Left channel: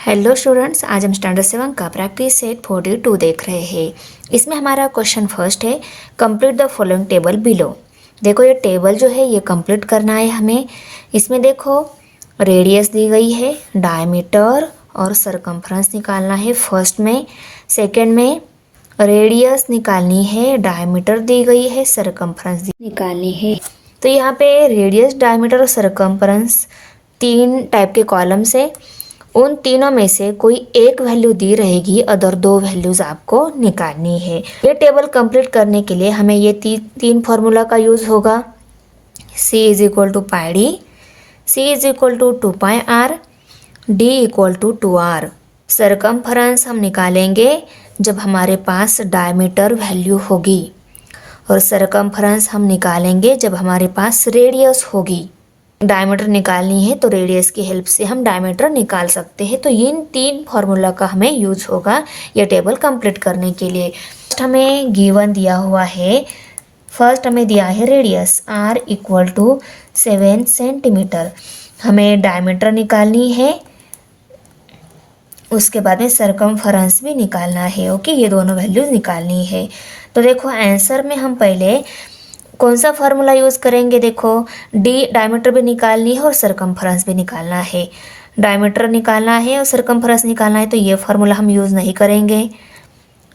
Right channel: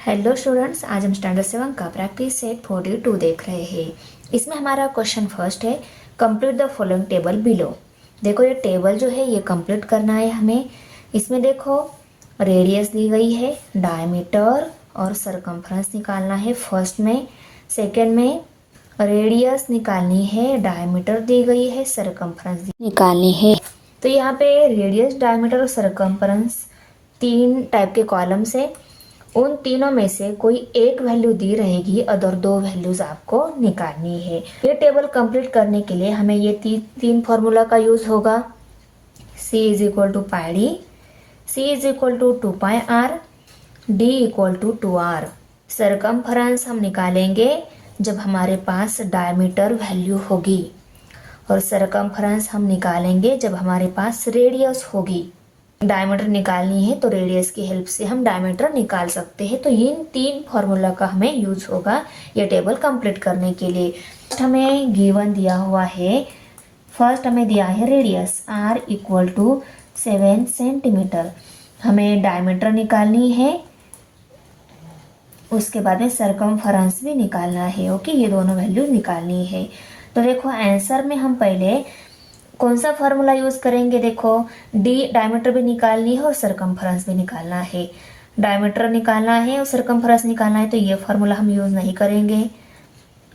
Hello students, आज हम standard 7 का प्रैक्टिस सेट 42 देख रहे हैं। इसमें हमारा क्वेश्चन फर्स्ट है, complete the following table below. देखो ये टेबल जो है ये कंप्लीट करना है हमें। इसमें देखो रेडियस दी गई है, डायमीटर और सरकमफ्रेंस निकालना है फर्स्ट में। सेकंड में रेडियस निकालनी है, डायमीटर दी गई है, सरकमफ्रेंस निकालनी है। तो यहाँ पे रेडियस, डायमीटर और सरकमफ्रेंस तीन टाइप के कॉलम्स है। उन तीनों में से कोई एक वैल्यू दी रहेगी, अदर दो वैल्यूज आपको निकालनी है। ये टेबल कंप्लीट करने के लिए हमें ये तीन फॉर्मूला का यूज होगा। C is equal to pi D, C is equal to 2 pi R, D equal to 2R। Circumference हम निकालेंगे जब हमारे पास डायमीटर वैल्यू होगी, और सरकमफ्रेंस हम निकालेंगे जब हमारे पास रेडियस होगी। डायमीटर निकालनी है तो रेडियस की हेल्प से हम डायमीटर निकाल सकते हैं। तो इन तीन फार्मूला का हमें यूज होगा यह टेबल कंप्लीट करने के लिए। फर्स्ट हमें गिवन दिया हुआ है, फर्स्ट हमें दिया है radius R equal to 7 centimetre. हमें डायमीटर निकालनी है, उसके बाद में सरकमफ्रेंस भी निकालना है। ओके, ये दोनों वैल्यूज निकालनी है। तो देखो आंसर में हम पहले कौन सा फार्मूला यूज़ करेंगे। देखो डायमीटर भी निकालनी है और सरकमफ्रेंस भी निकालना है। डायमीटर निकालना है और सरकमफ्रेंस निकालना है, तो ये फार्मूला हम यूज़ नहीं करेंगे।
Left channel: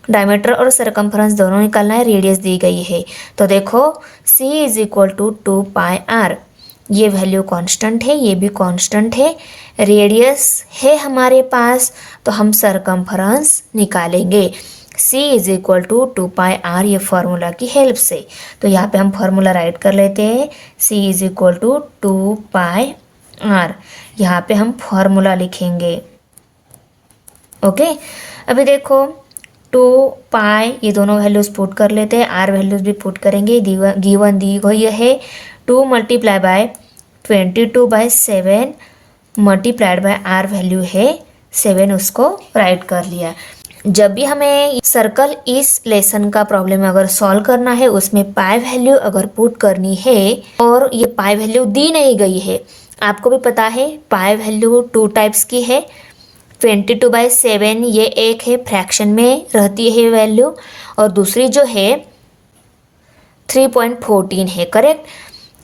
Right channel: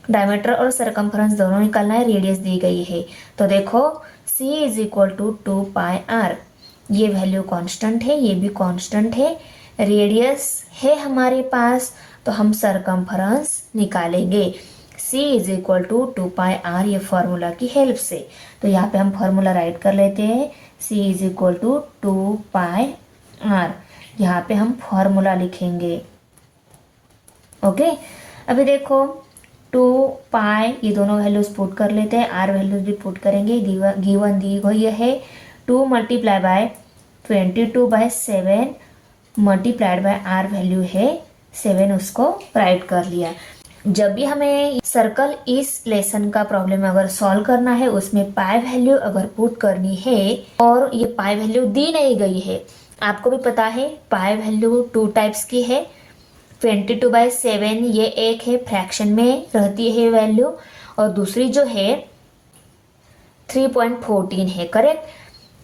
डायमीटर और सरकमफ्रेंस दोनों निकालना है, रेडियस दी गई है। तो देखो C is equal to 2 pi R, ये वैल्यू कांस्टेंट है, ये भी कांस्टेंट है। रेडियस है हमारे पास, तो हम सरकमफ्रेंस निकालेंगे। C is equal to 2 pi R, ये फार्मूला की हेल्प से। तो यहाँ पे हम फार्मूला राइट कर लेते हैं। C is equal to 2 pi R, यहाँ पे हम फार्मूला लिखेंगे। ओके, अभी देखो 2 पाई, ये दोनों वैल्यूज पुट कर लेते हैं, आर वैल्यूज भी पुट करेंगे। गिवन दी गई है 2 multiply by 22/7 multiplied by R value है 7, उसको राइट कर लिया। जब भी हमें सर्कल इस लेसन का प्रॉब्लम अगर सॉल्व करना है, उसमें पाई वैल्यू अगर पुट करनी है और ये पाई वैल्यू दी नहीं गई है, आपको भी पता है पाई वैल्यू 2 टाइप्स की है। 22/7 ये एक है, फ्रैक्शन में रहती है वैल्यू, और दूसरी जो है 3.14 है। करेक्ट,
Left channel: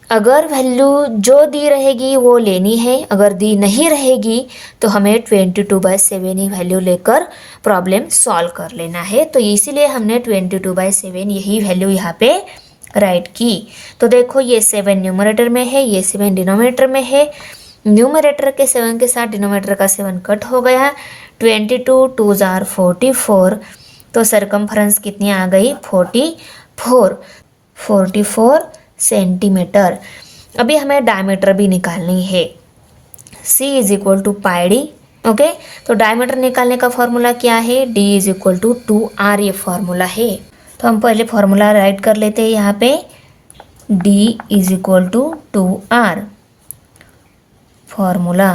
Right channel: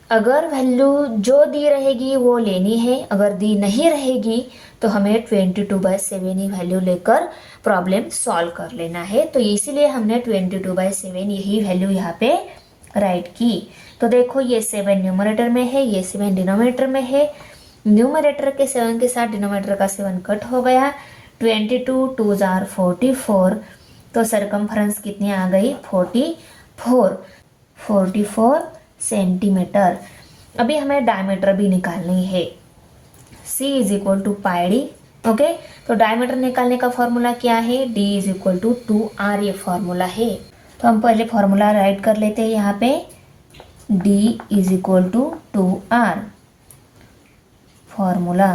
अगर वैल्यू जो दी रहेगी वो लेनी है, अगर दी नहीं रहेगी तो हमें 22/7 ही वैल्यू लेकर प्रॉब्लम सॉल्व कर लेना है। तो इसीलिए हमने 22/7 यही वैल्यू यहाँ पे राइट की। तो देखो ये 7 न्यूमरेटर में है, ये 7 डिनोमिनेटर में है। न्यूमरेटर के 7 के साथ डिनोमिनेटर का 7 कट हो गया। 22 2 जार 44, तो सरकमफ्रेंस कितनी आ गई 44 सेंटीमीटर। अभी हमें डायमीटर भी निकालनी है। C is equal to pi D. Okay, तो डायमीटर निकालने का फॉर्मूला क्या है, D is equal to 2R, ये फॉर्मूला है। तो हम पहले फॉर्मूला राइट कर लेते हैं यहाँ पे, D is equal to 2R formula.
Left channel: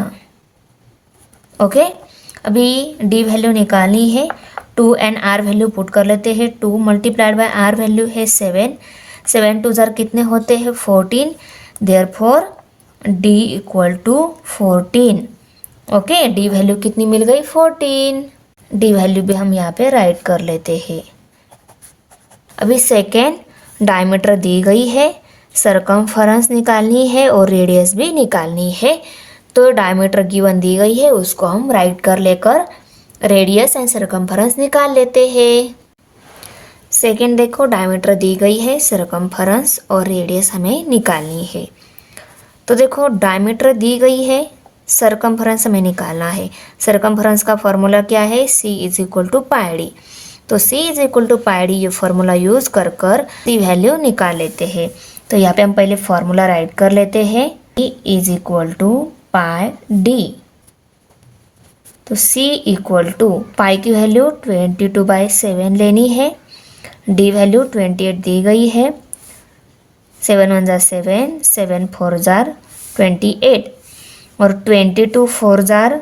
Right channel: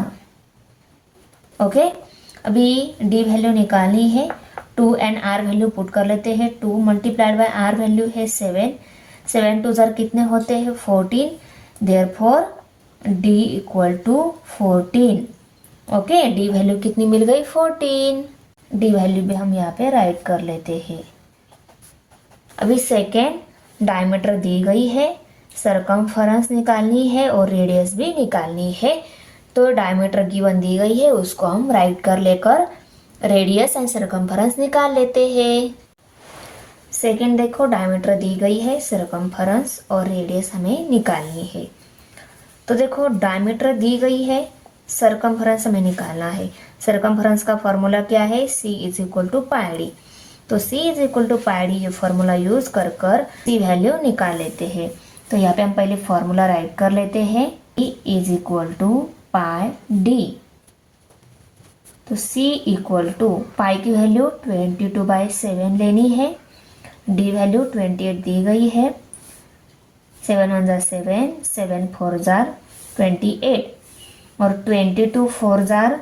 Okay, अभी D वैल्यू निकालनी है, 2 एंड R वैल्यू पुट कर लेते हैं। 2 मल्टीप्लाइड बाय R वैल्यू है 7, 7 2 जार कितने होते हैं 14, therefore D equal to 14। Okay, D value कितनी मिल गई 14। D वैल्यू भी हम यहाँ पे राइट कर लेते हैं। अभी सेकेंड डायमीटर दी गई है, सरकमफ्रेंस निकालनी है और रेडियस भी निकालनी है। तो डायमीटर गिवन दी गई है, उसको हम राइट कर लेकर रेडियस एंड सरकमफ्रेंस निकाल लेते हैं। सेकेंड देखो डायमीटर दी गई है, सरकमफ्रेंस और रेडियस हमें निकालनी है। तो देखो डायमीटर दी गई है, सरकमफ्रेंस हमें निकालना है। सरकमफ्रेंस का फॉर्मूला क्या है, C is equal to pi D. तो C is equal to pi D ये फॉर्मूला यूज कर C वैल्यू निकाल लेते हैं। तो यहाँ पे हम पहले फॉर्मूला राइट कर लेते हैं, C is equal to pi D. तो C इक्वल टू पाई की वैल्यू 22/7 लेनी है, D वैल्यू 28 दी गई है। 7 1 जार 7, 7 4 जार 28 और 22 4 जार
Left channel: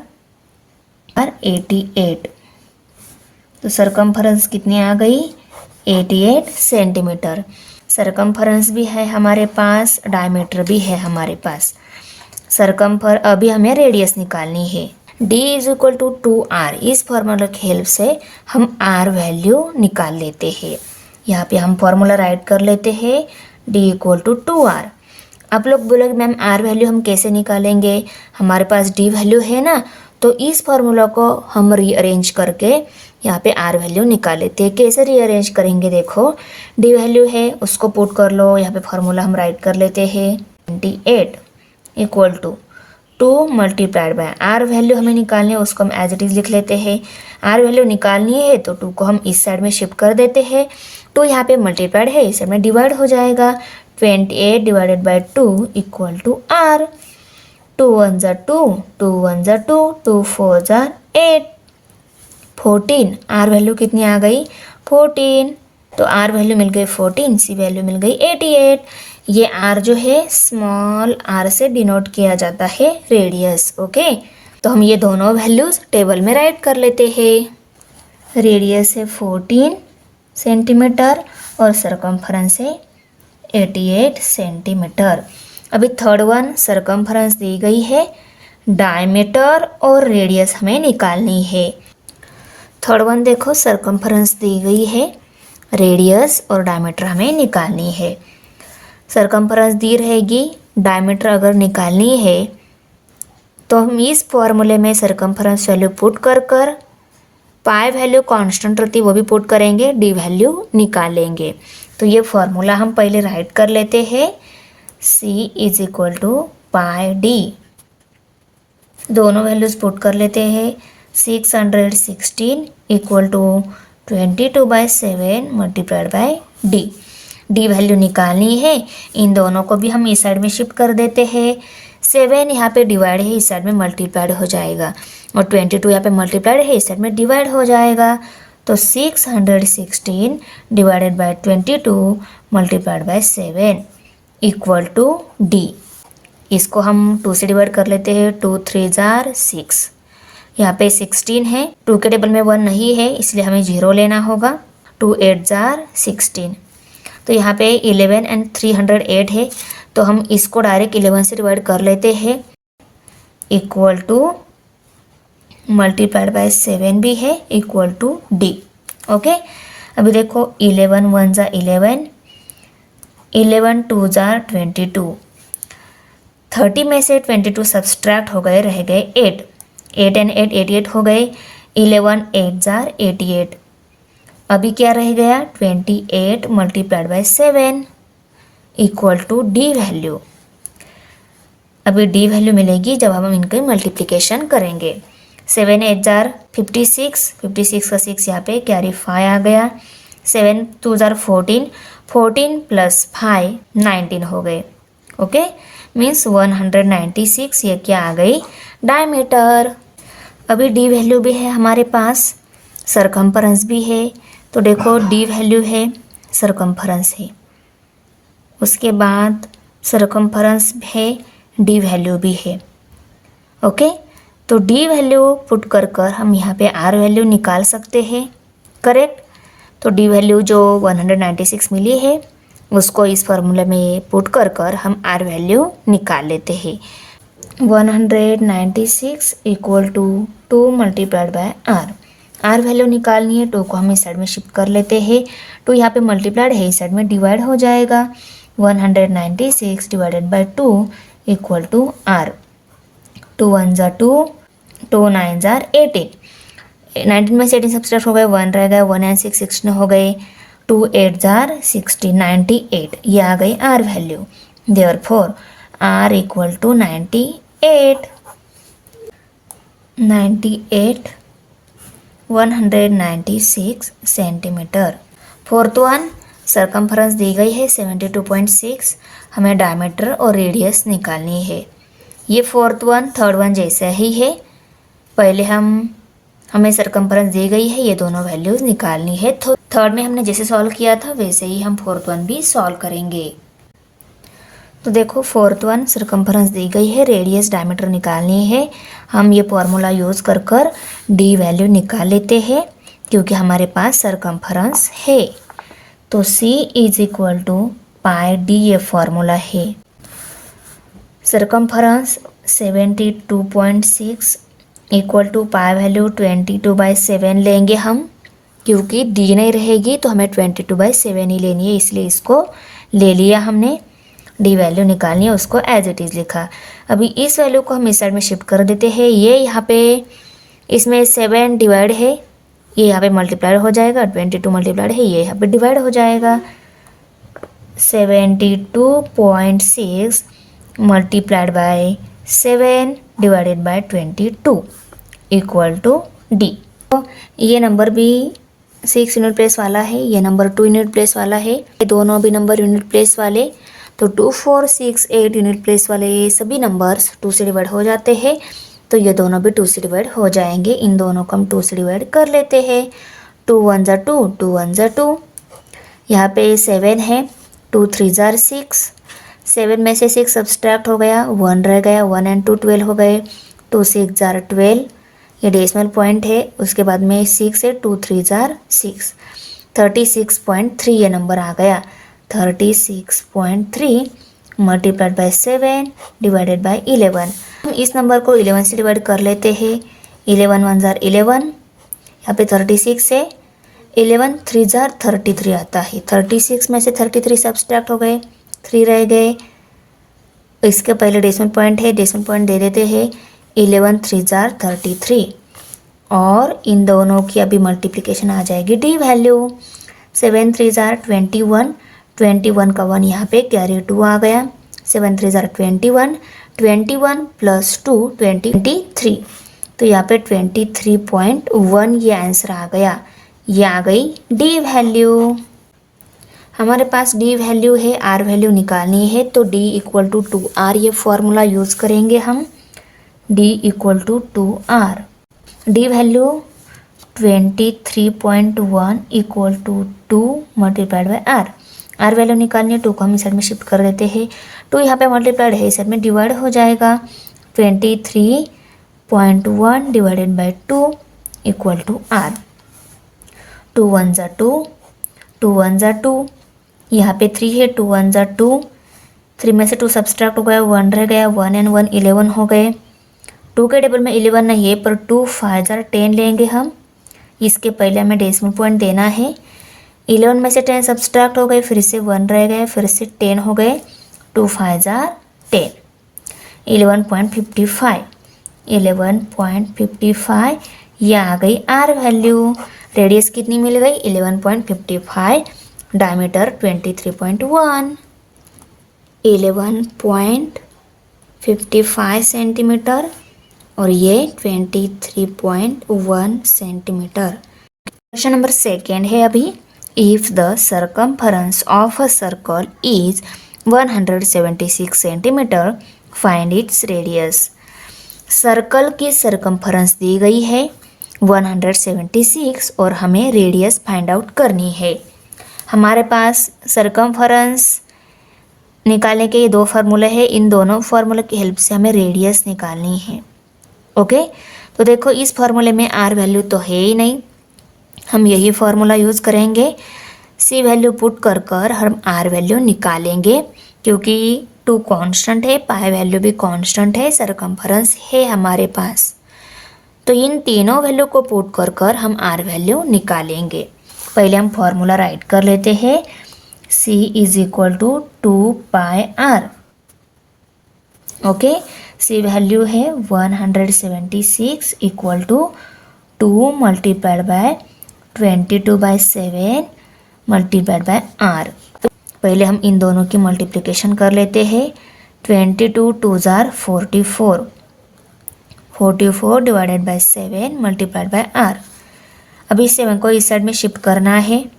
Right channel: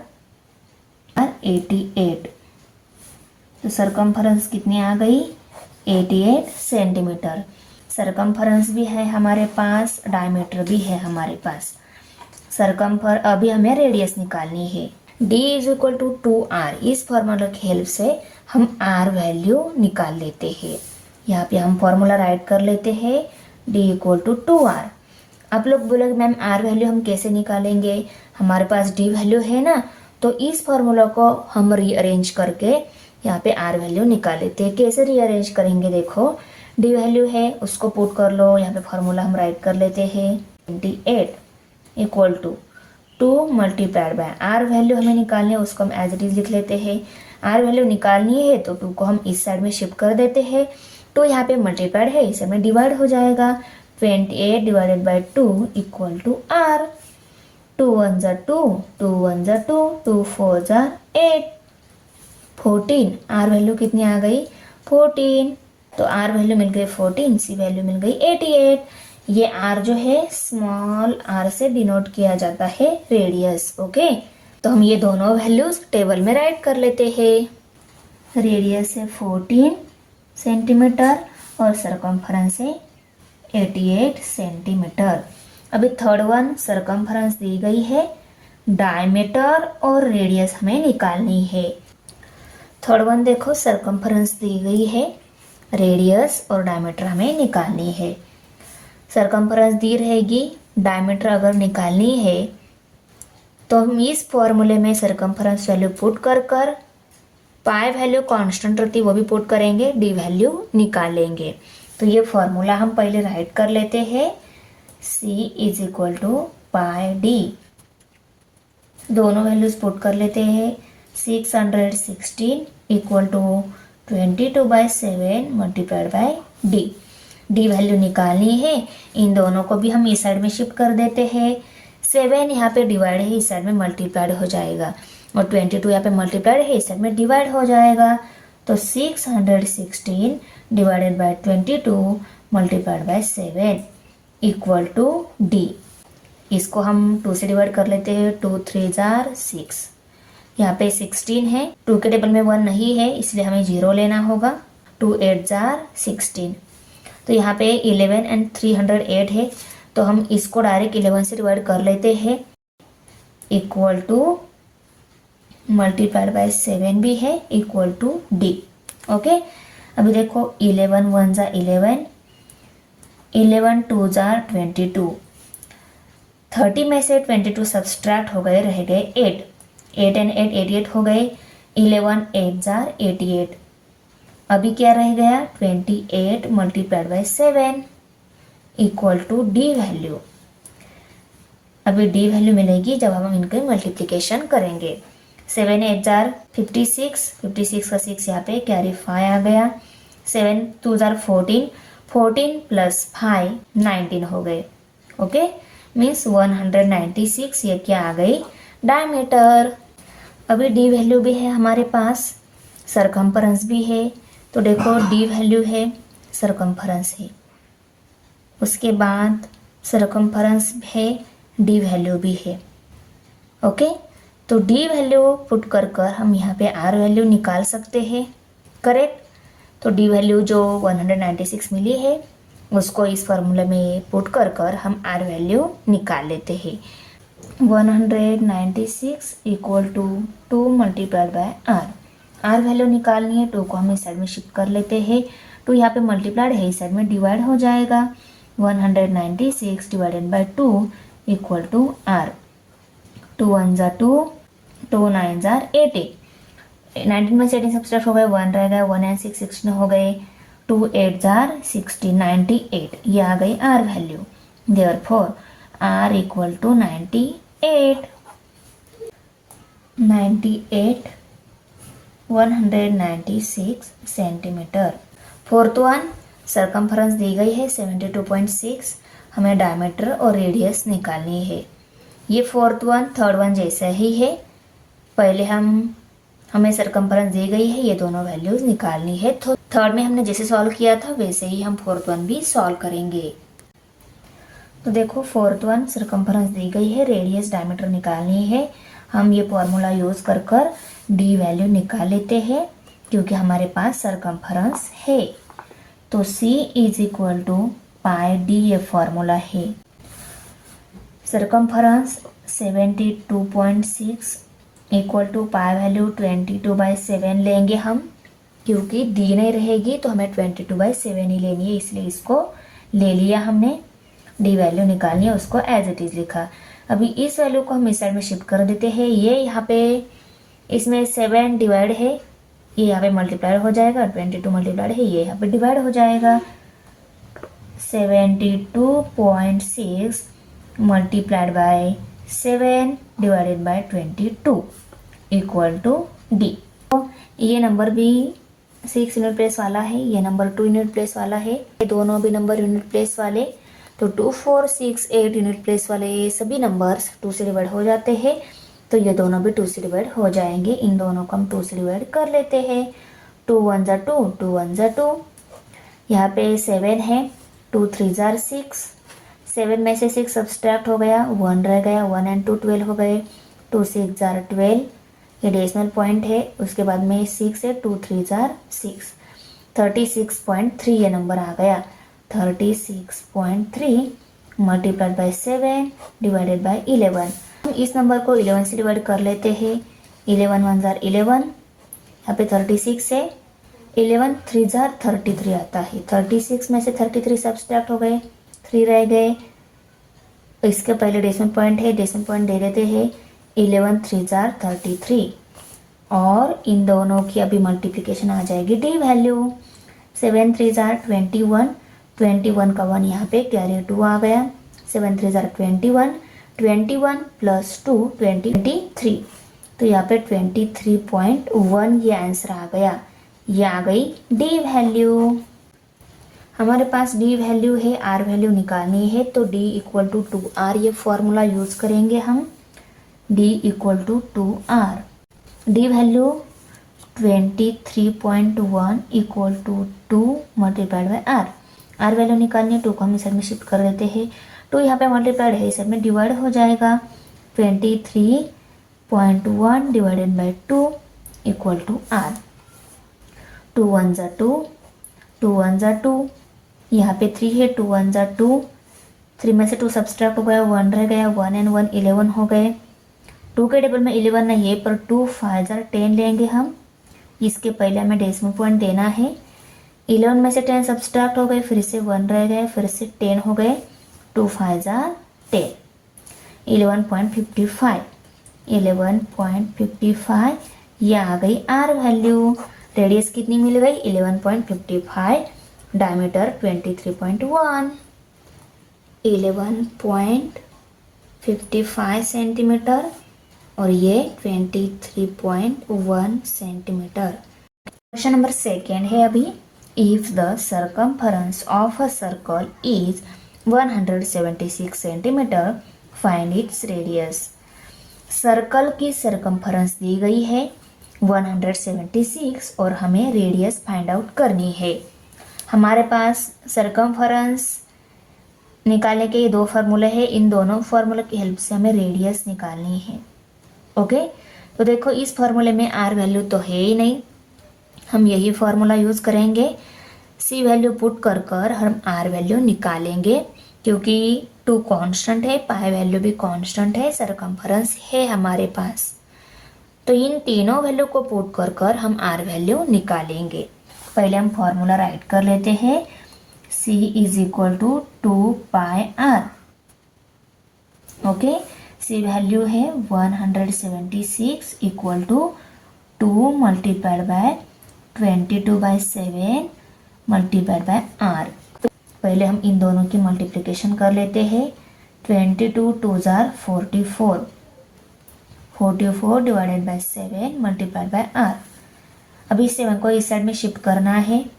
88। तो सरकमफ्रेंस कितनी आ गई 88 सेंटीमीटर। सरकमफ्रेंस भी है हमारे पास, डायमीटर भी है हमारे पास। अभी हमें रेडियस निकालनी है। d is equal to 2r। इस फॉर्मूला की हेल्प से हम r वैल्यू निकाल लेते हैं। यहाँ पे हम फॉर्मूला राइट कर लेते हैं, d इक्वल टू 2r। आप लोग बोलोगे मैम r वैल्यू हम कैसे निकालेंगे, हमारे पास d वैल्यू है ना, तो इस फॉर्मूला को हम रीअरेंज करके यहाँ पे r वैल्यू निकाल लेते हैं। कैसे रीअरेंज करेंगे, देखो d वैल्यू है उसको पुट कर लो, यहाँ पे फॉर्मूला हम राइट कर लेते हैं 28 equal to 2 multiplied by r value हमें निकालनी है, उसको हम एज इट इज लिख लेते हैं। r वैल्यू निकालनी है तो 2 को हम इस साइड में शिफ्ट कर देते हैं, तो यहाँ पे मल्टीप्लाइड है इस साइड में डिवाइड हो जाएगा। 28 divided by 2 equal to r। 2 1 ज़ा 2, 2 1 ज़ा 2, 2 4 ज़ा 8, 14। r वैल्यू कितनी आ गई 14, तो r वैल्यू मिल गई 14, c वैल्यू मिल गई 88। ये r जो है स्मॉल r से डिनोट किया जाता है रेडियस। ओके, तो हम ये दोनों वैल्यूज टेबल में राइट कर लेते हैं। रेडियस है 14 सेंटीमीटर और सरकमफरेंस है 88 सेंटीमीटर। अभी थर्ड वन सरकमफरेंस दी गई है, डायमीटर और रेडियस हमें निकालनी है। थर्ड वन देखो सरकमफरेंस दी गई है, रेडियस और डायमीटर हमें निकालनी है। सरकमफरेंस दी रहेगी, डायमीटर अगर निकालनी है तो हम इस फॉर्मूले में सरकमफरेंस वैल्यू पुट कर पाई वैल्यू कांस्टेंट रहती है वो भी पुट करेंगे, डी वैल्यू निकालेंगे। तो ये फॉर्मूला हम पहले राइट कर लेते हैं, c is equal to pi D. दोनों वैल्यूज पुट कर लेते हैं। 616 equal to 22/7 multiplied by D. D value निकालनी है, इन दोनों को भी हम इस साइड में शिफ्ट कर देते हैं। 7 यहाँ पे डिवाइड है, इस साइड में मल्टीप्लाइड हो जाएगा, और 22 यहाँ पे मल्टीप्लाइड है, इस साइड में डिवाइड हो जाएगा। तो 616 divided by 22 multiplied by 7 equal to D. इसको हम 2 से डिवाइड कर लेते हैं, 2 3 जार 6, यहाँ पे 16 है, 2 के टेबल में 1 नहीं है इसलिए हमें 0 लेना होगा। 2 8 जार 16, तो यहाँ पे 11 एंड 308 है, तो हम इसको डायरेक्ट 11 से डिवाइड कर लेते हैं, इक्वल टू मल्टीप्लाइड बाय 7 भी है, इक्वल टू डी। ओके, अभी देखो 11 1 ज़ा 11, 11 2 ज़ा 22, 30 में से 22 सब्सट्रैक्ट हो गए, रह गए 8, 8 एंड 8 88 हो गए। 11 8 ज़ा 88, अभी क्या रह गया 28 multiplied by 7 equal to D value. अभी डी वैल्यू मिलेगी जब हम इनकी मल्टीप्लिकेशन करेंगे। 7 8 जार 56, 56 का 6 यहाँ पे कैरी 5 आ गया। 7 2 जार 14, 14 प्लस 5 19 हो गए। ओके, मीन्स 196 ये क्या आ गई डायमीटर। अभी डी वैल्यू भी है हमारे पास, सरकमफरेंस भी है, तो देखो डी वैल्यू है, सरकमफरेंस है, उसके बाद सरकमफरेंस है, डी वैल्यू भी है। ओके, तो डी वैल्यू पुट कर हम यहाँ पे आर वैल्यू निकाल सकते हैं, करेक्ट। तो डी वैल्यू जो 196 मिली है उसको इस फॉर्मूले में पुट कर हम आर वैल्यू निकाल लेते हैं। 196 equal to 2 multiplied by R. R value निकालनी है, 2 को हम इस साइड में शिफ्ट कर लेते हैं, 2 यहाँ पे मल्टीप्लाइड है, इस साइड में डिवाइड हो जाएगा। 196 divided by 2 equal to R. 2 1 ज़ा 2, 2 9 ज़ा 18, 19 में से 18 सब्सट्रैक्ट हो गए, 1 रह गए, 1 एंड 6 16 हो गए। 2 8 ज़ार 60, 98 ये आ गई R value. Therefore R equal to 98, 196 centimetre. Fourth one circumference दी गई है 72.6, हमें डायमीटर और रेडियस निकालनी है। ये फोर्थ वन थर्ड वन जैसा ही है, पहले हमें सरकमफरेंस दी गई है, ये दोनों वैल्यूज निकालनी है। थर्ड में हमने जैसे सॉल्व किया था वैसे ही हम फोर्थ वन भी सॉल्व करेंगे। तो देखो फोर्थ वन सरकमफरेंस दी गई है, रेडियस डायमीटर निकालनी है। हम ये फॉर्मूला यूज़ कर डी वैल्यू निकाल लेते हैं क्योंकि हमारे पास सरकमफरेंस है। तो C is equal to pi D ये फॉर्मूला है। Circumference 72.6 equal to pi value 22/7 लेंगे हम, क्योंकि डी नहीं रहेगी तो हमें 22/7 ही लेनी है, इसलिए इसको ले लिया हमने। डी वैल्यू निकालनी है, उसको एज इट इज़ लिखा। अभी इस वैल्यू को हम इस साइड में शिफ्ट कर देते हैं। ये यहाँ पे इसमें 7 डिवाइड है, ये यहाँ पे मल्टीप्लाइड हो जाएगा, 22 मल्टीप्लाइड है, ये यहाँ पे डिवाइड हो जाएगा। 72.6 multiplied by 7 divided by 22 equal to D. तो ये नंबर भी 6 यूनिट प्लेस वाला है, ये नंबर 2 यूनिट प्लेस वाला है, ये दोनों भी नंबर यूनिट प्लेस वाले। तो 2, 4, 6, 8 यूनिट प्लेस वाले ये सभी नंबर्स 2 से डिवाइड हो जाते हैं, तो ये दोनों भी 2 से डिवाइड हो जाएंगे। इन दोनों को हम 2 से डिवाइड कर लेते हैं। 2 1 ज़ा 2, 2 1 ज़ा 2, यहाँ पे 7 है, 2 3 ज़ा 6, 7 में से 6 सब्सट्रैक्ट हो गया, 1 रह गया, 1 and 2 12 हो गए, 2 6 ज़ा 12, ये डेसिमल पॉइंट है। उसके बाद में 6 है, 2 3 ज़ा 6, 36.3 ये नंबर आ गया। 36.3 मल्टीप्लाइड बाय 7 डिवाइडेड बाय 11। हम इस नंबर को 11 से डिवाइड कर लेते हैं। 11 1 ज़ा 11, यहाँ पे 36 है, 11 3 ज़ा 33 आता है। 36 में से 33 सब्सट्रैक्ट हो गए, 3 रह गए। इसके पहले डेसिमल पॉइंट है, डेसिमल पॉइंट दे देते हैं। 11 3 ज़ा 33 और इन दोनों की अभी मल्टीप्लिकेशन आ जाएगी डी वैल्यू। 7 3 ज़ा 21, 21 का 1 यहाँ पे कैरी 2 आ गया। 7 3 ज़ा 21, 21 प्लस 2 23, तो यहाँ पे 23.1 ये आंसर आ गया। ये आ गई डी वैल्यू। हमारे पास डी वैल्यू है, आर वैल्यू निकालनी है, तो डी इक्वल टू 2r ये फॉर्मूला यूज़ करेंगे हम। D equal to 2r, D value 23.1 equal to 2 multiplied by R. R value निकालनी है, 2 को हम इस साइड में शिफ्ट कर देते हैं। 2 यहाँ पे मल्टीप्लाइड है, इस साइड में डिवाइड हो जाएगा। 23.1 divided by 2 equal to R. 2 1 ज़ा 2, 2 1 ज़ा 2, यहाँ पे 3 है, 2 1 ज़ा 2, 3 में से 2 सब्सट्रैक्ट हो गया, 1 रह गया, 1 and 1 11 हो गए। 2 के टेबल में 11 नहीं है, पर 2 5 ज़ा 10 लेंगे हम। इसके पहले हमें डेसिमल पॉइंट देना है। 11 में से 10 सब्सट्रैक्ट हो गए, फिर से 1 रह गए, फिर से 10 हो गए। 2 5 ज़ा 10, 11.55, 11.55 ये आ गई आर वैल्यू। रेडियस कितनी मिल गई? 11.55, डायमीटर 23.1, 11.55 सेंटीमीटर और ये 23.1 सेंटीमीटर। क्वेश्चन नंबर 2 है अभी। If the circumference of a circle is 176 centimetre, find its radius. Circle की सर्कमफरेंस दी गई है 176 और हमें रेडियस फाइंड आउट करनी है। हमारे पास सर्कमफरेंस निकालने के ये 2 फार्मूले हैं, इन दोनों फार्मूले की हेल्प से हमें रेडियस निकालनी है। ओके, तो देखो इस फार्मूले में आर वैल्यू तो है ही नहीं, हम यही फार्मूला यूज़ करेंगे। सी वैल्यू पुट कर कर हम आर वैल्यू निकालेंगे, क्योंकि 2 कांस्टेंट है, पाई वैल्यू भी कांस्टेंट है, सर्कमफरेंस है हमारे पास। तो इन तीनों वैल्यू को पुट कर कर हम आर वैल्यू निकालेंगे। पहले हम फार्मूला राइट कर लेते हैं। C is equal to 2 pi R. Okay, C value है 176 equal to 2 multiplied by 22/7 multiplied by R. तो पहले हम इन दोनों की मल्टीप्लिकेशन कर लेते हैं। 22 2 ज़ार 44, 44 divided by 7 multiplied by R. अभी 7 को इस साइड में शिफ्ट करना है।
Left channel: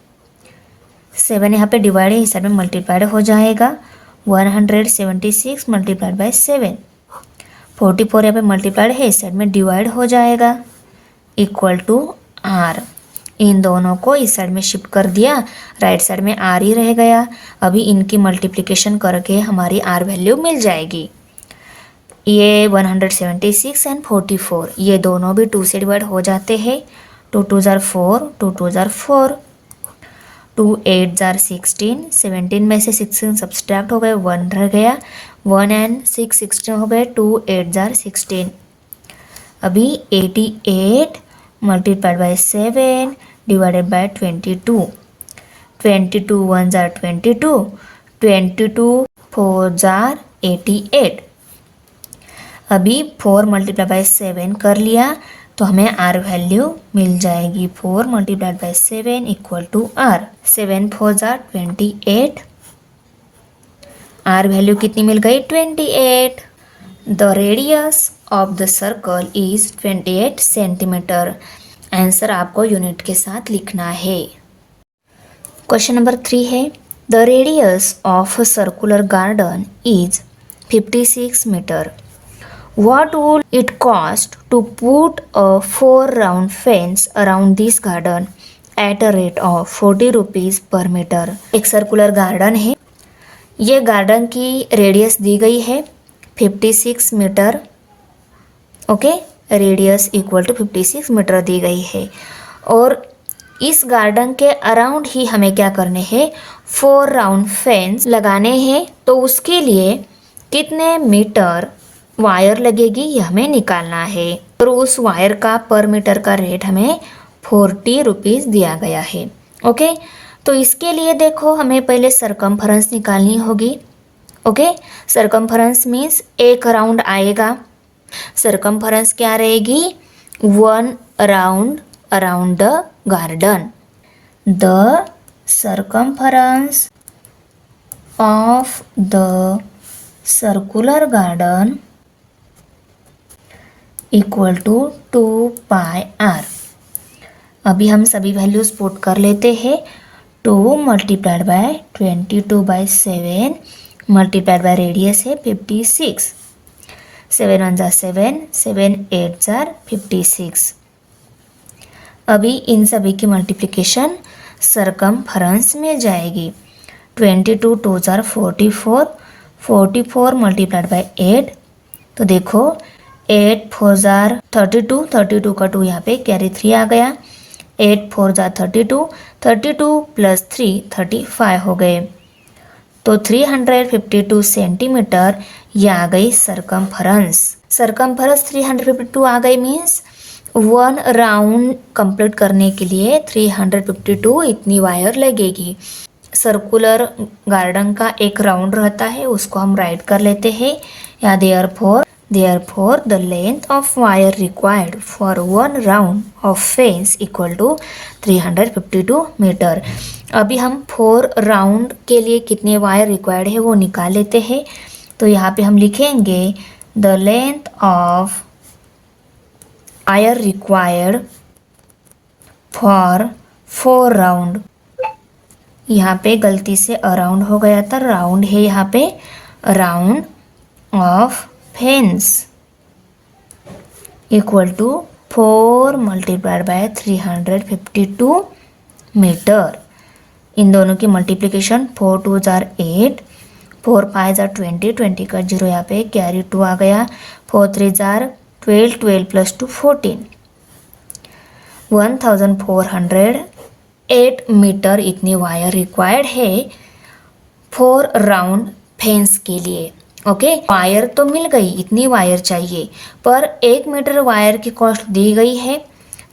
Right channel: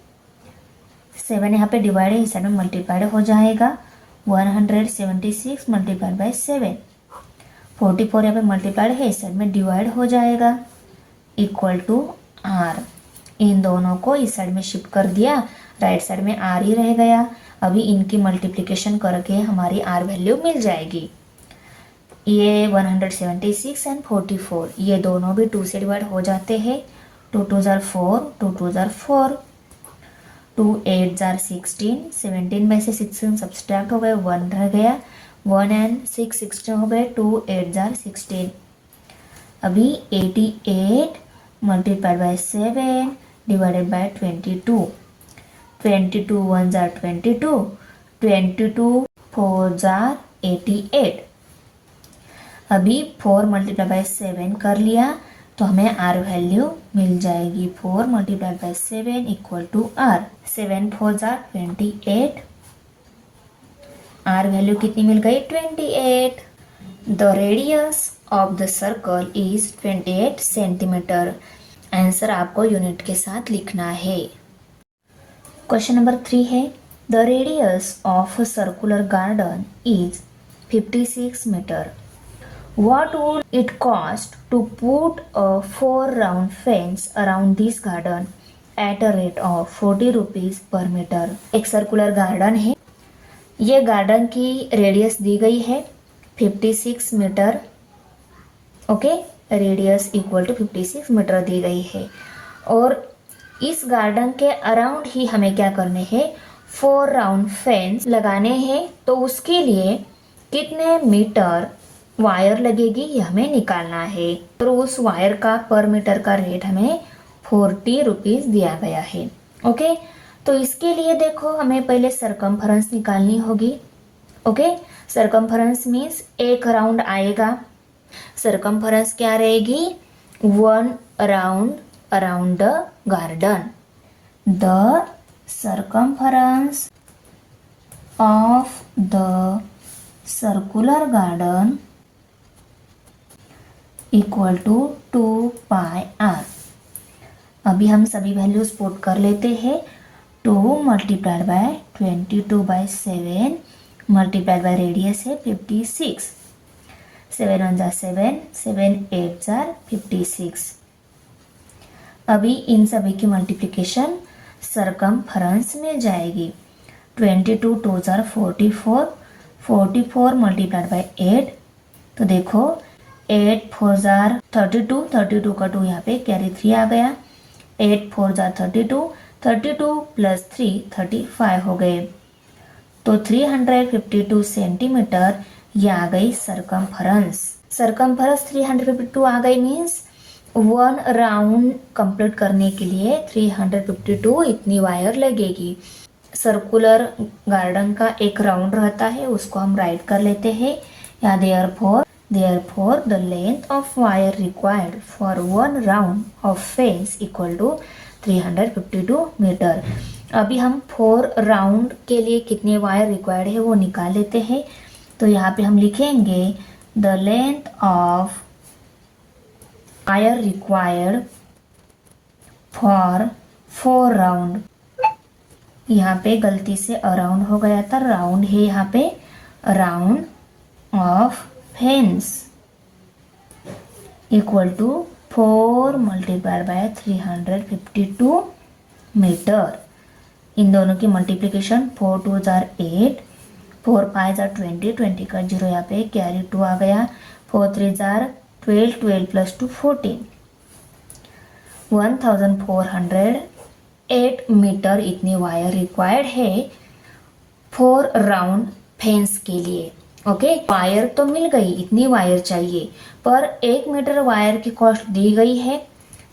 7 यहाँ पे डिवाइड है, इस साइड में मल्टीप्लाइड हो जाएगा। 176 मल्टीप्लाइड बाय 7, 44 यहाँ पे मल्टीप्लाइड है, इस साइड में डिवाइड हो जाएगा, इक्वल टू आर। इन दोनों को इस साइड में शिफ्ट कर दिया, राइट साइड में आर ही रह गया। अभी इनकी मल्टीप्लिकेशन करके हमारी आर वैल्यू मिल जाएगी। ये 176 एंड 44 ये दोनों भी 2 से डिवाइड हो जाते हैं। 2 2 ज़ार 4, 2 2 ज़ार 4, 2 8 ज़ार 16, 17 में से 16 सब्सट्रैक्ट हो गए, 1 रह गया, 1 and 6 16 हो गए, 2 8 ज़ार 16। अभी 88 multiplied by 7 divided by 22, 22 1 jar 22, 22 4 jar 88। अभी 4 मल्टीप्लाई बाय 7 कर लिया तो हमें आर वैल्यू मिल जाएगी। 4 multiplied by 7 equal to R. 7 4 जार 28, आर वैल्यू कितनी मिल गई 28। The radius of the circle is 28 centimetre. Answer आपको यूनिट के साथ लिखना है। क्वेश्चन नंबर 3 है the radius of a circular garden is 56 metre. What would it cost to put a 4 round fence around this garden at a rate of 40 rupees per meter? एक circular garden है, ये garden की radius दी गई है 56 metre. Okay, radius equal to 56 metre दी गई है और इस गार्डन के अराउंड ही हमें क्या करने हैं 4 राउंड फेंस लगाने हैं। तो उसके लिए कितने मीटर वायर लगेगी ये हमें निकालना है और उस वायर का पर मीटर का रेट हमें 40 रुपीज़ दिया गया है। ओके, तो इसके लिए देखो हमें पहले सरकमफरेंस निकालनी होगी। ओके, सरकमफरेंस मीन्स एक राउंड आएगा। सरकमफरेंस क्या रहेगी 1 round around the garden. The circumference of the circular garden equal to 2 pi R. अभी हम सभी वैल्यूज पुट कर लेते हैं। 2 multiplied by 22 by 7 multiplied by radius है 56। 7 1 जार 7, 7 8 जार 56। अभी इन सभी की मल्टीप्लिकेशन सरकमफरेंस में जाएगी। 22 2 जार 44, 44 मल्टीप्लाइड बाय 8। तो देखो 8 4 जार 32, 32 का 2 यहाँ पे कैरी 3 आ गया। 8 4 जार 32, 32 प्लस 3 35 हो गए। तो 352 सेंटीमीटर ये आ गई सरकमफरेंस। सरकमफरेंस 352 आ गई मीन्स 1 राउंड कंप्लीट करने के लिए 352 इतनी वायर लगेगी। सर्कुलर गार्डन का एक राउंड रहता है, उसको हम राइट कर लेते हैं या Therefore, the length of wire required for 1 round of fence equal to 352 metre. अभी हम 4 राउंड के लिए कितने वायर रिक्वायर्ड है वो निकाल लेते हैं। तो यहाँ पे हम लिखेंगे the length of wire required for 4 round. यहाँ पे गलती से अराउंड हो गया था, राउंड है यहाँ पे, round of fence equal to 4 multiplied by 352 metre. इन दोनों की मल्टीप्लिकेशन 4 2 जार 8, 4 5 जार 20, 20 का 0 यहाँ पे कैरी 2 आ गया। 4 3 जार 12, 12 प्लस 2 14, 1408 मीटर इतनी वायर रिक्वायर्ड है 4 राउंड फेंस के लिए। ओके, वायर तो मिल गई, इतनी वायर चाहिए, पर 1 मीटर वायर की कॉस्ट दी गई है।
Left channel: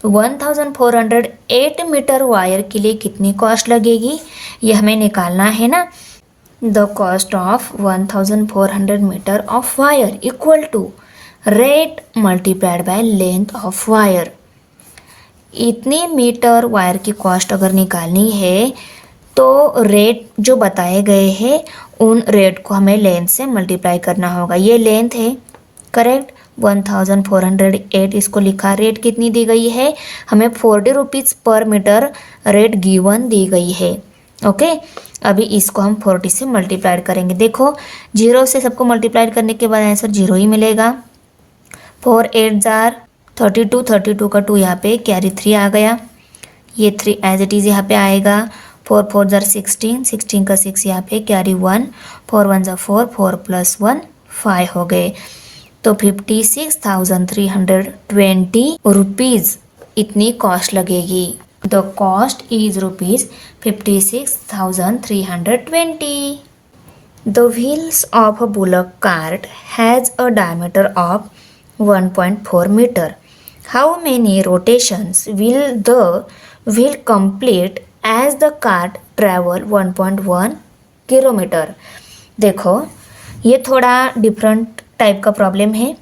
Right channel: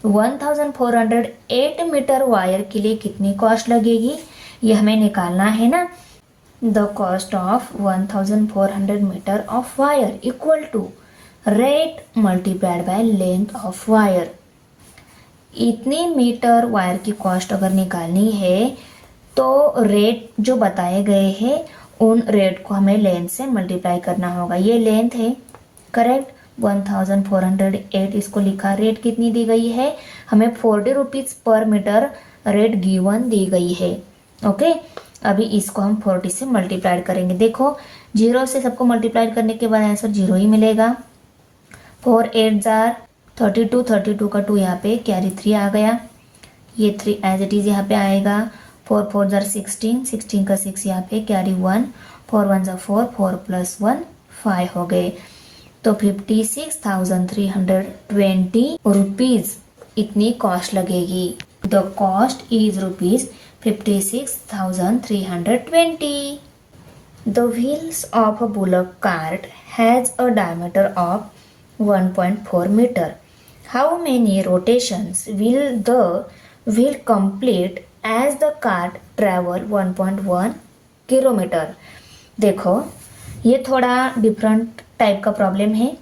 1408 मीटर वायर के लिए कितनी कॉस्ट लगेगी ये हमें निकालना है ना। The cost of 1400 metre of wire equal to rate multiplied by length of wire. इतने मीटर वायर की कॉस्ट अगर निकालनी है तो रेट जो बताए गए हैं उन रेट को हमें लेंथ से मल्टीप्लाई करना होगा। ये लेंथ है, करेक्ट, 1408 इसको लिखा। रेट कितनी दी गई है हमें 40 रुपीज़ पर मीटर रेट गिवन दी गई है। ओके, अभी इसको हम 40 से मल्टीप्लाइड करेंगे। देखो 0 से सबको मल्टीप्लाइड करने के बाद आंसर 0 ही मिलेगा। 4 8 जार 32, 32 का 2 यहाँ पे कैरी 3 आ गया। ये 3 एज इट इज़ यहाँ पे आएगा। 4 4 जार 16, 16 का 6 यहाँ पे कैरी 1, 4 1 जार 4, 4 प्लस 1 5 हो गए। तो 56,320 रुपीज़ इतनी कॉस्ट लगेगी। The cost is rupees 56,320। The wheels of a bullock cart has a diameter of 1.4 metre. How many rotations will the wheel complete as the cart travel 1.1 kilometre. देखो ये थोड़ा different type का problem है,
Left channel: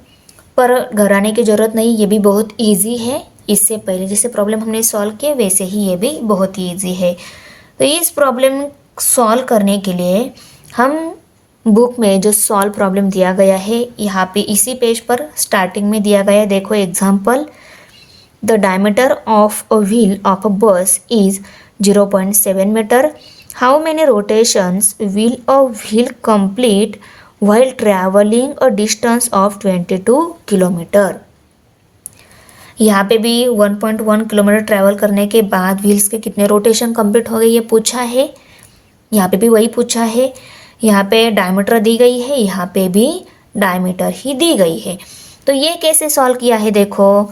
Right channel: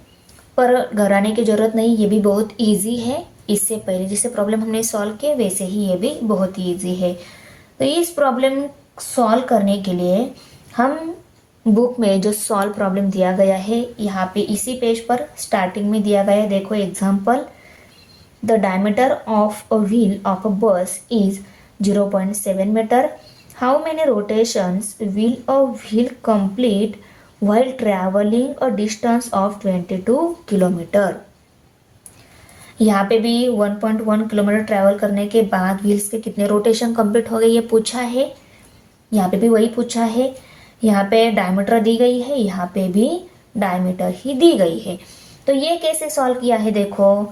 पर घबराने की ज़रूरत नहीं, ये भी बहुत इजी है। इससे पहले जैसे प्रॉब्लम हमने सॉल्व किए वैसे ही ये भी बहुत ही इजी है। तो इस प्रॉब्लम सॉल्व करने के लिए हम बुक में जो सॉल्व प्रॉब्लम दिया गया है यहाँ पे इसी पेज पर स्टार्टिंग में दिया गया है। देखो example, the diameter of a wheel of a bus is 0.7 metre. How many rotations will a wheel complete while traveling a distance of 22 kilometre. यहाँ पे भी 1.1 किलोमीटर ट्रैवल करने के बाद व्हील्स के कितने रोटेशन कंप्लीट हो गए ये पूछा है। यहाँ पे भी वही पूछा है। यहाँ पे डायमीटर दी गई है, यहाँ पे भी डायमीटर ही दी गई है। तो ये कैसे सॉल्व किया है देखो,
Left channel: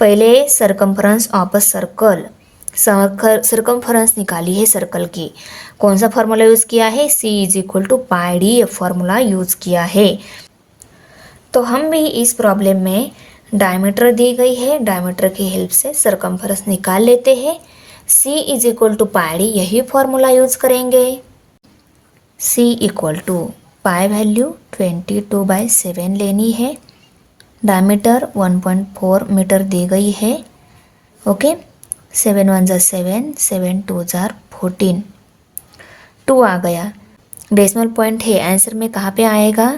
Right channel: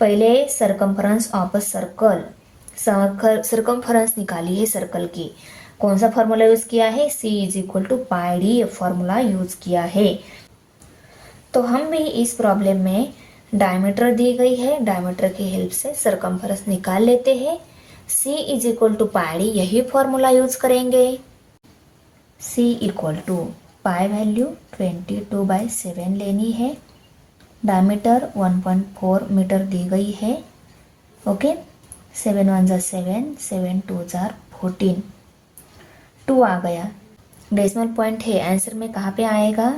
पहले circumference of a circle, circumference निकाली है सर्कल की। कौन सा फॉर्मूला यूज़ किया है, C is equal to pi D, ये फॉर्मूला यूज़ किया है। तो हम भी इस प्रॉब्लम में डायमीटर दी गई है, डायमीटर की हेल्प से सरकमफ्रेंस निकाल लेते हैं। C is equal to pi D, यही फॉर्मूला यूज़ करेंगे। C equal to pi value 22/7 लेनी है, डायमीटर 1.4 मीटर दी गई है। ओके, 7 1 ज़ा 7, 7 2 ज़ा 14, 2 आ गया। डेसिमल पॉइंट है, आंसर में कहाँ पे आएगा,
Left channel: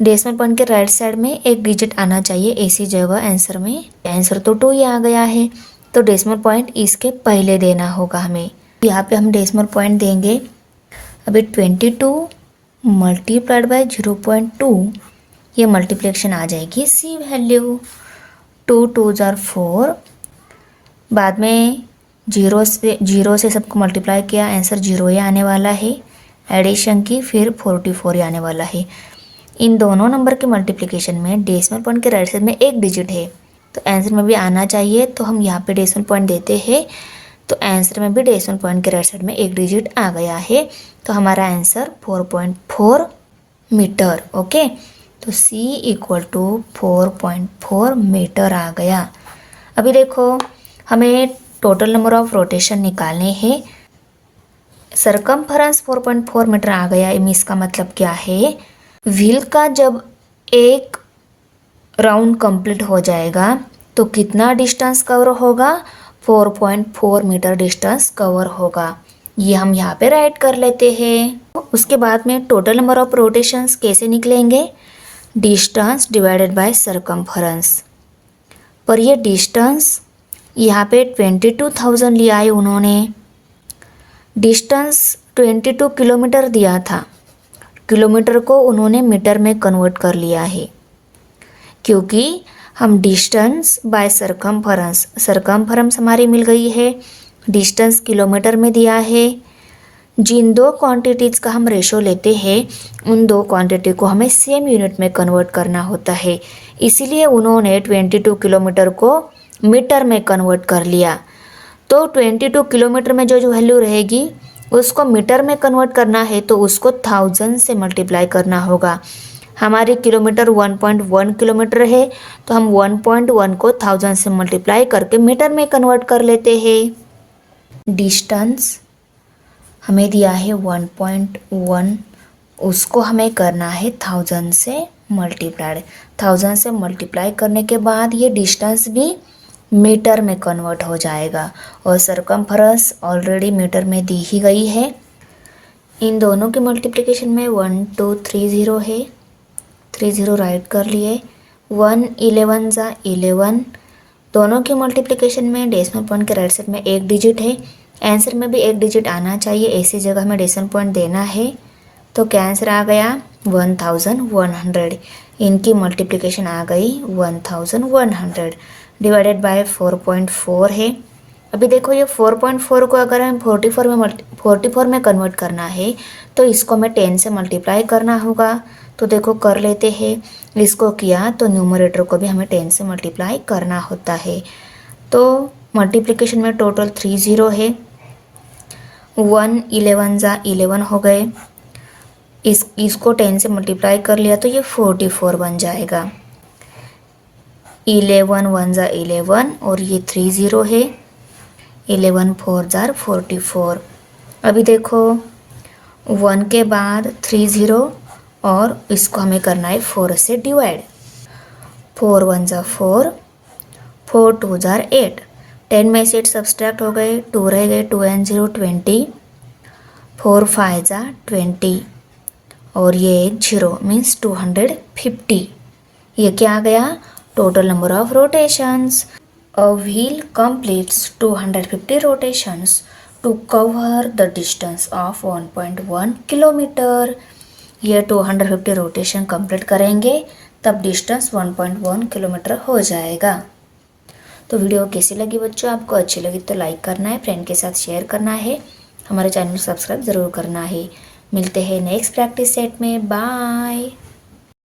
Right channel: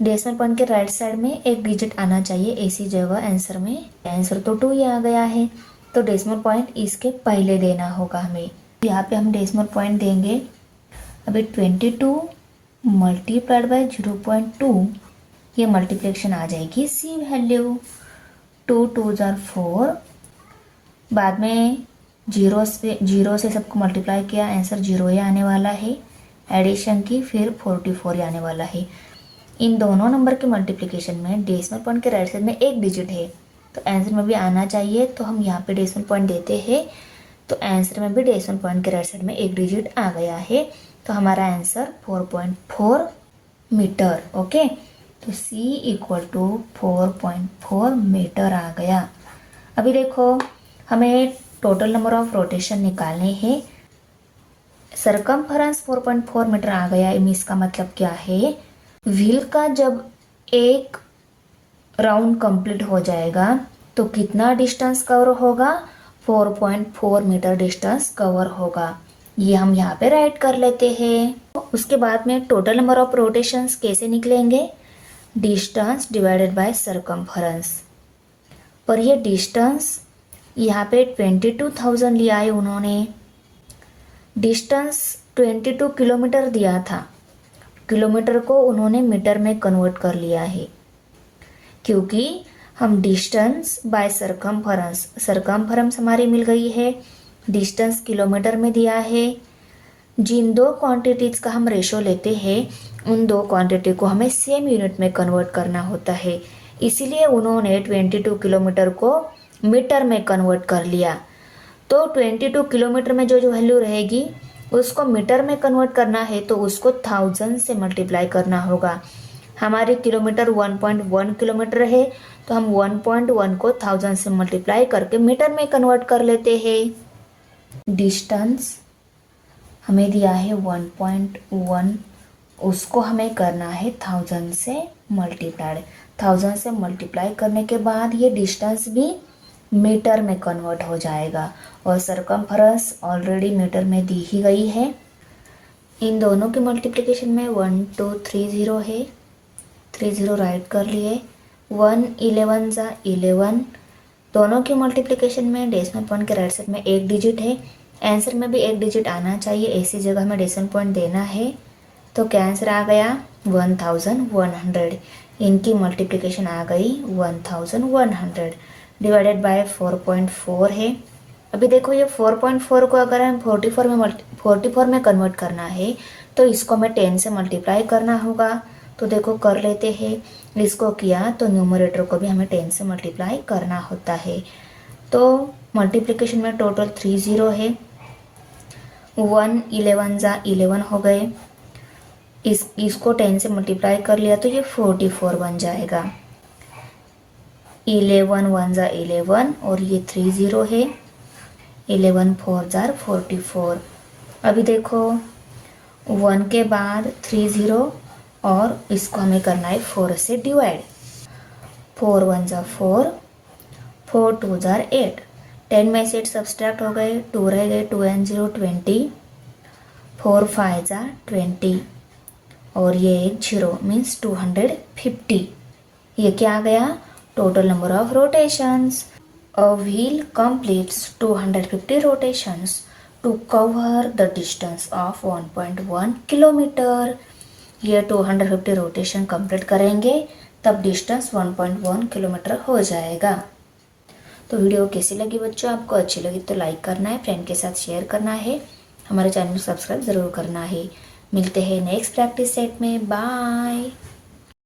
डेसिमल पॉइंट के राइट साइड में एक डिजिट आना चाहिए ऐसी जगह आंसर में। आंसर तो 2 ही आ गया है, तो डेसिमल पॉइंट इसके पहले देना होगा हमें। यहाँ पे हम डेसिमल पॉइंट देंगे। अभी 22 मल्टीप्लाइड बाय 0.2, ये मल्टीप्लिकेशन आ जाएगी C वैल्यू। 2 2 ज़ा 4, बाद में जीरो से सबको मल्टीप्लाई किया, आंसर 0 ही आने वाला है। एडिशन की फिर 44 ही आने वाला है। इन दोनों नंबर के मल्टीप्लिकेशन में डेसिमल पॉइंट के राइट साइड में एक डिजिट है, तो आंसर में भी आना चाहिए। तो हम यहाँ पे डेसिमल पॉइंट देते हैं, तो आंसर में भी डेसिमल पॉइंट के राइट साइड में एक डिजिट आ गया है। तो हमारा आंसर 4.4 मीटर। ओके, तो C इक्वल टू 4.4 मीटर आ गया। अभी देखो हमें टोटल नंबर ऑफ रोटेशन निकालने हैं। सरकमफ्रेंस 4.4 मीटर आ गया, इसका मतलब क्या है, व्हील का जब एक राउंड कंप्लीट हो जाएगा तो कितना डिस्टेंस कवर होगा, 4.4 मीटर डिस्टेंस कवर होगा। ये हम यहाँ पे राइट कर लेते हैं। उसके बाद में टोटल नंबर ऑफ रोटेशंस कैसे निकलेंगे, डिस्टेंस डिवाइडेड बाय सरकमफ्रेंस। पर ये डिस्टेंस यहाँ पे 22,000 लिया है उन्होंने, डिस्टेंस 22 किलोमीटर दिया था, किलोमीटर को उन्होंने मीटर में कन्वर्ट कर लिया है, क्योंकि हम डिस्टेंस बाय सरकमफ्रेंस, सरकमफ्रेंस हमारी मिल गई है, डिस्टेंस किलोमीटर में दिया है। जिन दो क्वांटिटीज़ का हम रेशो लेते हैं उन दो क्वांटिटी को हमें सेम यूनिट में कन्वर्ट करना होता है, इसीलिए उन्होंने 22 किलोमीटर को मीटर में कन्वर्ट कर लिया। तो 22 किलोमीटर में जो जो वैल्यू रहेगी उसको मीटर में कन्वर्ट करना है, तो उसको 1000 से मल्टीप्लाई करना होगा। हमारे किलोमीटर 1.1 किलोमीटर है, तो हम 1.1 को 1000 से मल्टीप्लाई करके मीटर में कन्वर्ट कर लेते हैं। डिस्टेंस हमें दिया है 1.1, उसको हमें करना है 1000 से मल्टीप्लाइड। 1000 से मल्टीप्लाई करने के बाद ये डिस्टेंस भी मीटर में कन्वर्ट हो जाएगा, और सरकमफ्रेंस ऑलरेडी मीटर में दी ही गई है। इन दोनों के मल्टीप्लिकेशन में 1230 है, 30 राइट कर लिए। 1 11 ज़ा 11, दोनों की मल्टीप्लिकेशन में डेसिमल पॉइंट के राइट साइड में एक डिजिट है, आंसर में भी एक डिजिट आना चाहिए, ऐसी जगह में डेसिमल पॉइंट देना है। तो क्या आंसर आ गया, 1100। इनकी मल्टीप्लिकेशन आ गई 1100 डिवाइडेड बाय 4.4 है। अभी देखो ये 4.4 को अगर हम 44 में कन्वर्ट करना है तो इसको हमें 10 से मल्टीप्लाई करना होगा। तो देखो कर लेते हैं, इसको किया तो न्यूमरेटर को भी हमें 10 से मल्टीप्लाई करना होता है। तो मल्टीप्लिकेशन में टोटल 30 है, 1 11 ज़ा 11 हो गए, इसको 10 से मल्टीप्लाई कर लिया तो ये 44 बन जाएगा। 11 वन ज़ा 11 और ये 3 ज़ीरो है, 11 4 ज़ार 44। अभी देखो 1 के बाद 3 ज़ीरो और इसको हमें करना है 4 से डिवाइड। 4 वन ज़ा 4, 4 टू ज़ार 8, 10 में से 8 सब्सट्रैक्ट हो गए, 2 रह गए, 2 एंड 0 20, 4 5 ज़ा 20 और ये एक 0 मीन्स 250। ये क्या आ गया? Total number of rotations. A wheel completes 250 rotations to cover the distance of 1.1 kilometre. ये 250 रोटेशन कंप्लीट करेंगे तब डिस्टेंस 1.1 किलोमीटर हो जाएगा। तो वीडियो कैसी लगी बच्चों? आपको अच्छी लगी तो लाइक करना है, फ्रेंड के साथ शेयर करना है, हमारे चैनल को सब्सक्राइब ज़रूर करना है। मिलते हैं नेक्स्ट प्रैक्टिस सेट में। बाय।